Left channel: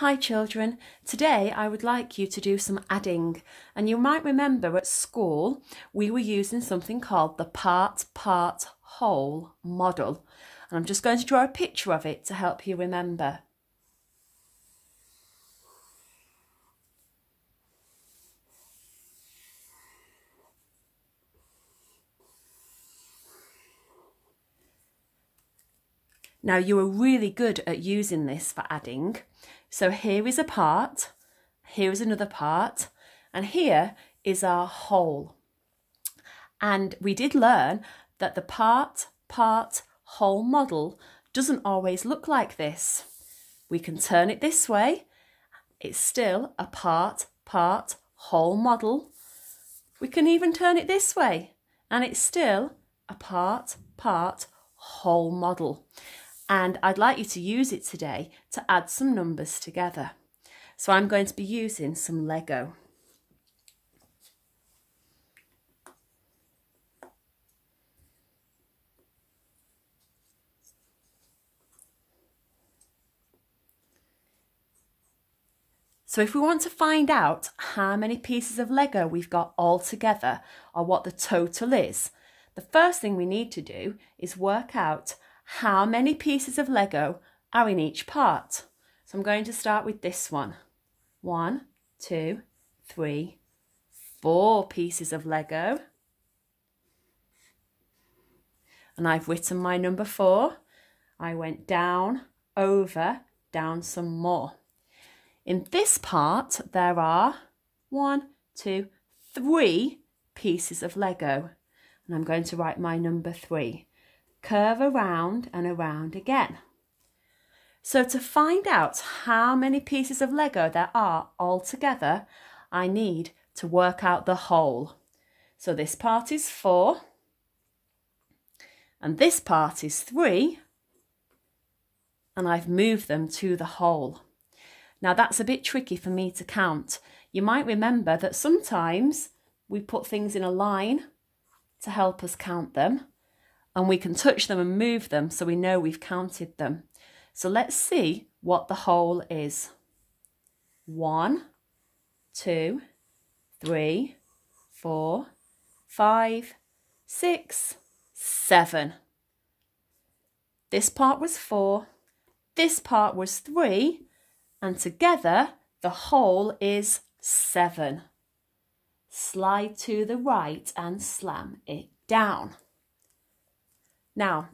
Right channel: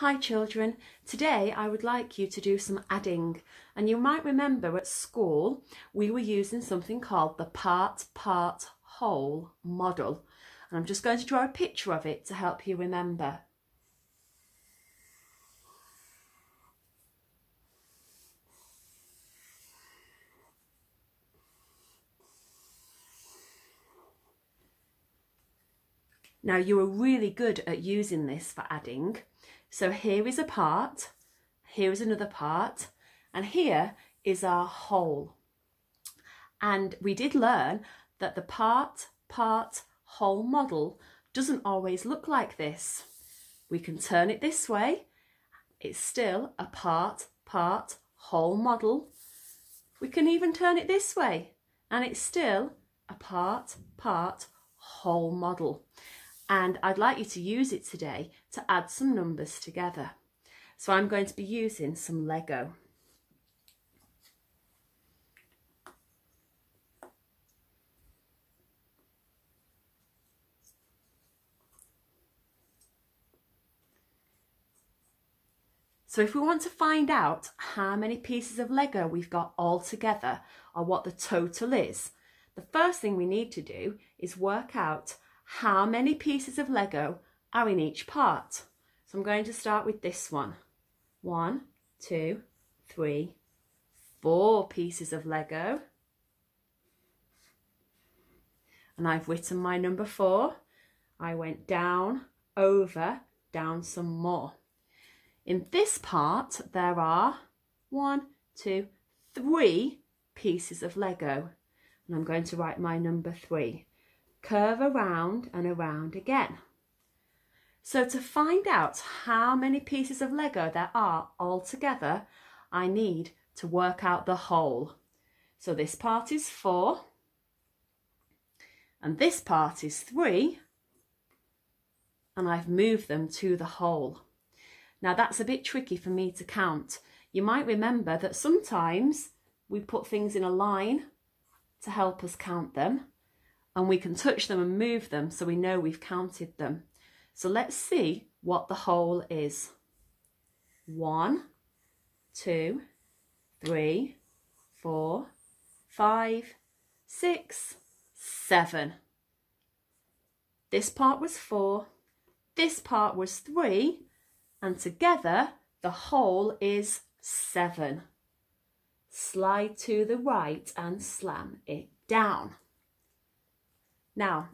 Hi children, today I would like you to do some adding, and you might remember at school we were using something called the part-part-whole model, and I'm just going to draw a picture of it to help you remember. Now you are really good at using this for adding. So here is a part, here is another part, and here is our whole. And we did learn that the part-part-whole model doesn't always look like this. We can turn it this way. It's still a part-part-whole model. We can even turn it this way, and it's still a part-part-whole model. And I'd like you to use it today to add some numbers together. So I'm going to be using some Lego. So if we want to find out how many pieces of Lego we've got all together, or what the total is, the first thing we need to do is work out how many pieces of Lego are in each part. So I'm going to start with this one. 1, 2, 3, 4 pieces of Lego. And I've written my number 4. I went down, over, down some more. In this part, there are 1, 2, 3 pieces of Lego. And I'm going to write my number 3. Curve around and around again. So to find out how many pieces of Lego there are all together, I need to work out the whole. So this part is 4, and this part is 3, and I've moved them to the whole. Now that's a bit tricky for me to count. You might remember that sometimes we put things in a line to help us count them, and we can touch them and move them so we know we've counted them. So let's see what the whole is. 1, 2, 3, 4, 5, 6, 7. This part was 4, this part was 3, and together the whole is 7. Slide to the right and slam it down. Now,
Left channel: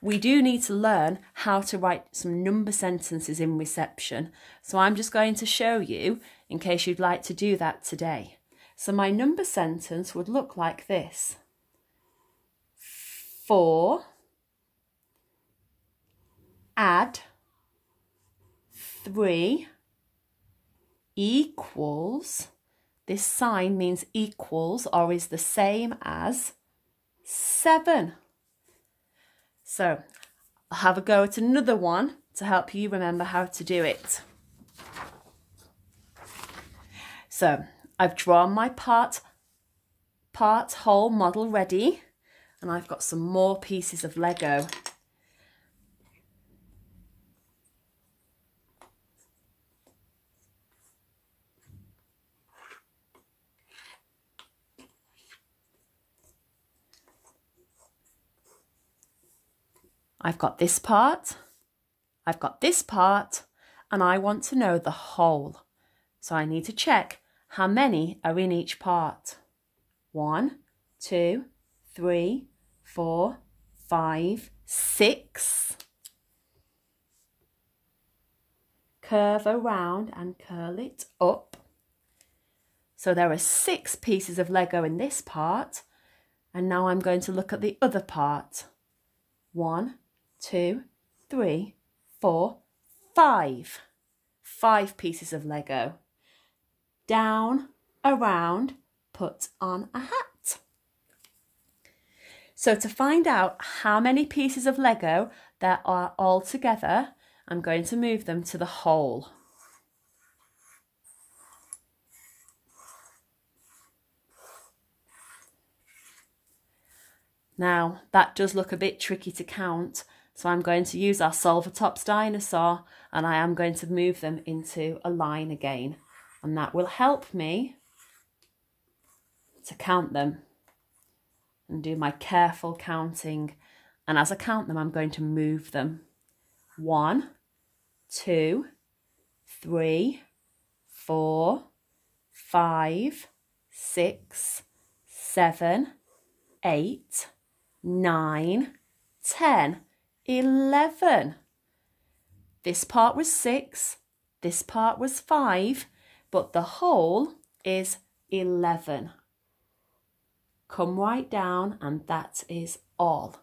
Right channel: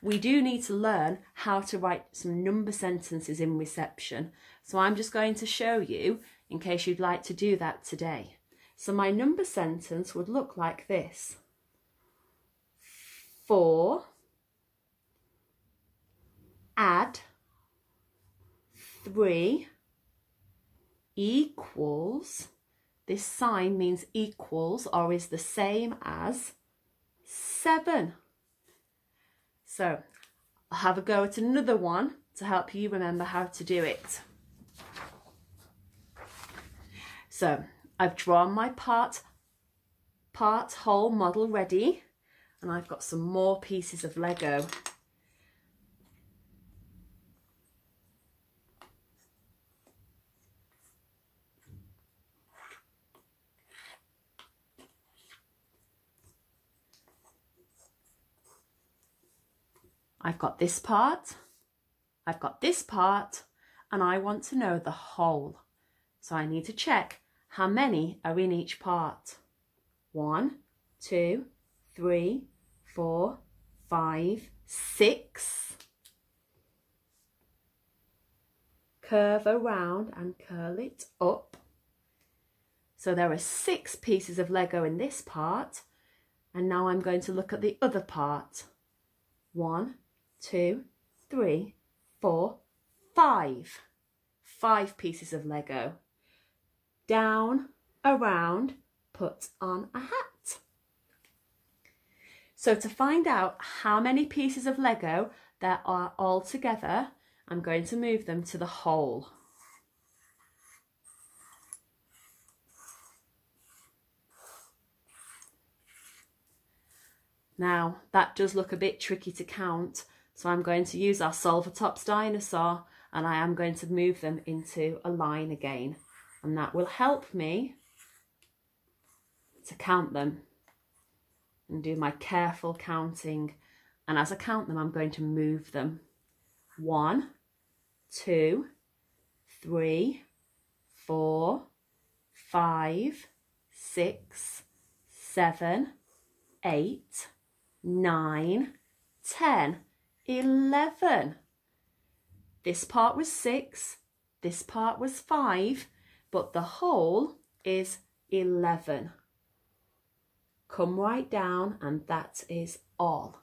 we do need to learn how to write some number sentences in reception. So I'm just going to show you in case you'd like to do that today. So my number sentence would look like this. 4 add 3 equals, this sign means equals or is the same as 7. So I'll have a go at another one to help you remember how to do it. So I've drawn my part-whole model ready, and I've got some more pieces of Lego. I've got this part, I've got this part, and I want to know the whole. So I need to check how many are in each part. 1, 2, 3, 4, 5, 6. Curve around and curl it up. So there are 6 pieces of Lego in this part, and now I'm going to look at the other part. 1, 2, 3, 4, 5. 5 pieces of Lego. Down, around, put on a hat. So to find out how many pieces of Lego there are all together, I'm going to move them to the whole. Now that does look a bit tricky to count, so I'm going to use our Solvatops dinosaur and I am going to move them into a line again, and that will help me to count them and do my careful counting. And as I count them, I'm going to move them. 1, 2, 3, 4, 5, 6, 7, 8, 9, 10, 11. This part was 6, this part was 5, but the whole is 11. Come right down, and that is all.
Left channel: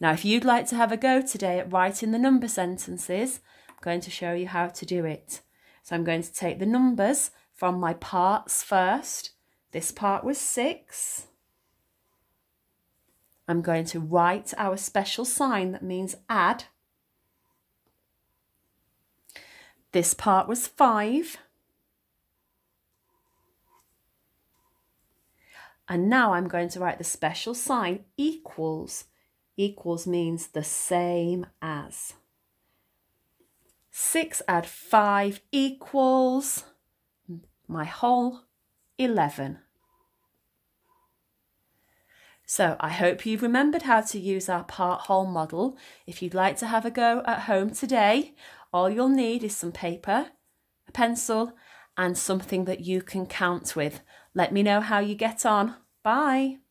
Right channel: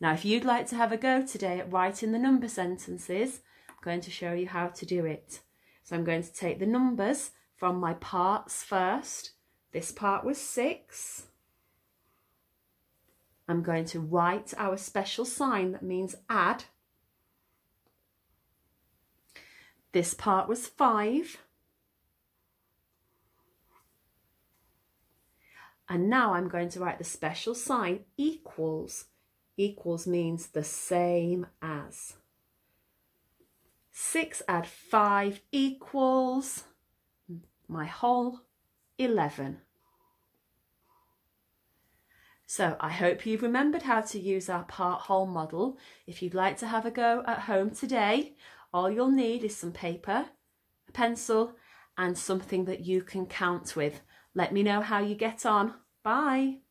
Now, if you'd like to have a go today at writing the number sentences, I'm going to show you how to do it. So I'm going to take the numbers from my parts first. This part was 6. I'm going to write our special sign that means add. This part was 5. And now I'm going to write the special sign equals. Equals means the same as. 6 add 5 equals my whole 11. So I hope you've remembered how to use our part-whole model. If you'd like to have a go at home today, all you'll need is some paper, a pencil, and something that you can count with. Let me know how you get on. Bye.